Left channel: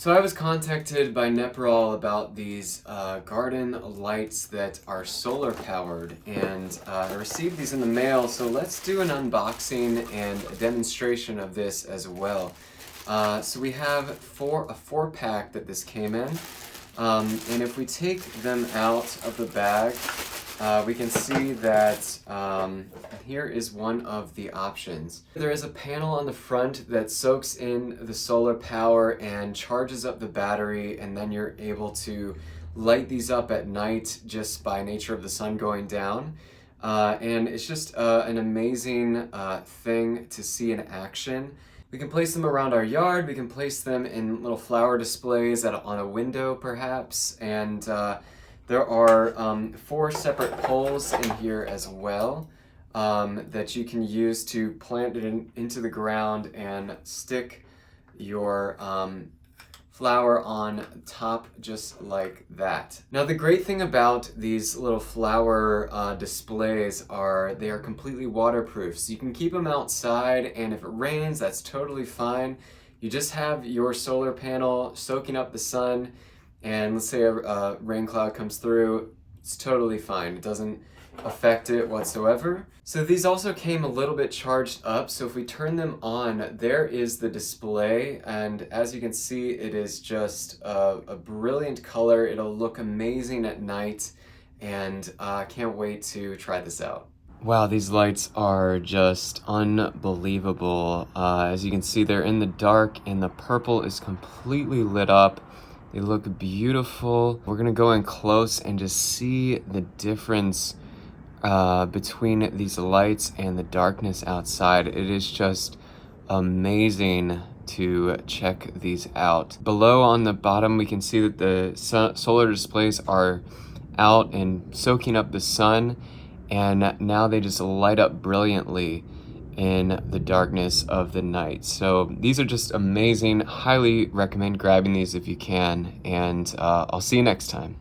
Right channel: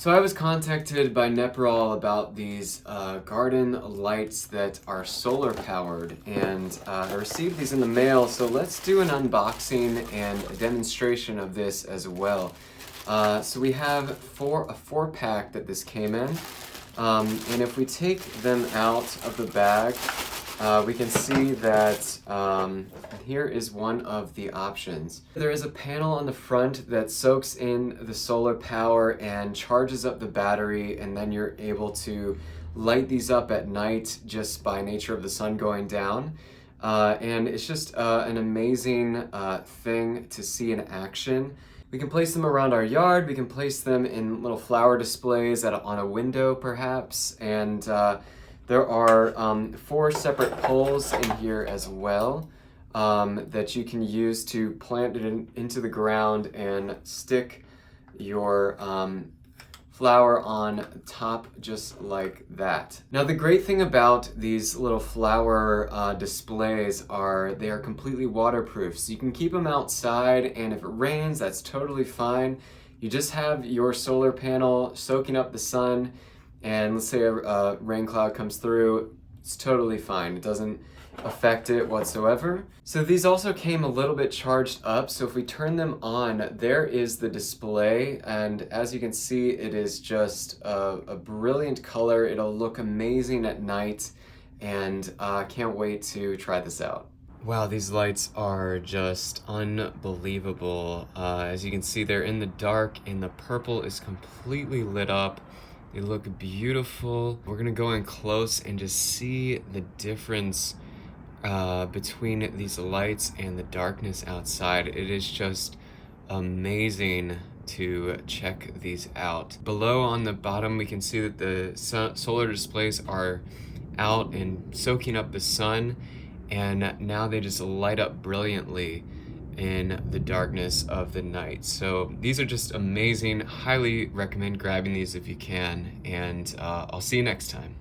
So I was contacted by Neporal about these garden lights that are solar powered, and I received these in the mail, so let's do an unboxing and a demonstration of this as well. So we have a 4-pack that this came in, and if we take them out of the bag, we can see that here is one of the options. There is a panel on the front that soaks in the solar power and charges up the battery, and then you're able to light these up at night just by nature of the sun going down. And it's just an amazing thing to see in action. We can place them around our yard, we can place them in little flower displays on a window perhaps, and there are 4 separate poles in here as well that you can use to plant it into the ground and stick your flower on top just like that. Now the great thing about these little flower displays are they are completely waterproof, so you can keep them outside, and if it rains, that's totally fine. You just have your solar panel soaking up the sun, and let's say a rain cloud comes through, it's totally fine. It doesn't affect it whatsoever. So these also came a little bit charged up, so if we turn them on, there is the display, and as you can see, it is just a brilliant color. It'll look amazing at night, and I can't wait to try this out. Wow, these lights are just unbelievable. As you can see, they're in the dark, and the purple is completely lit up. They look beautiful. We're gonna go in close and just see the difference between these lights and the darkness outside. It is just amazing to check these out. Below on the bottom, we can see that the solar displays are out and soaking up the sun, and now they just light up brilliantly in the darkness of the night. So these are just amazing. Highly recommend grabbing these if you can, and I'll see you next time.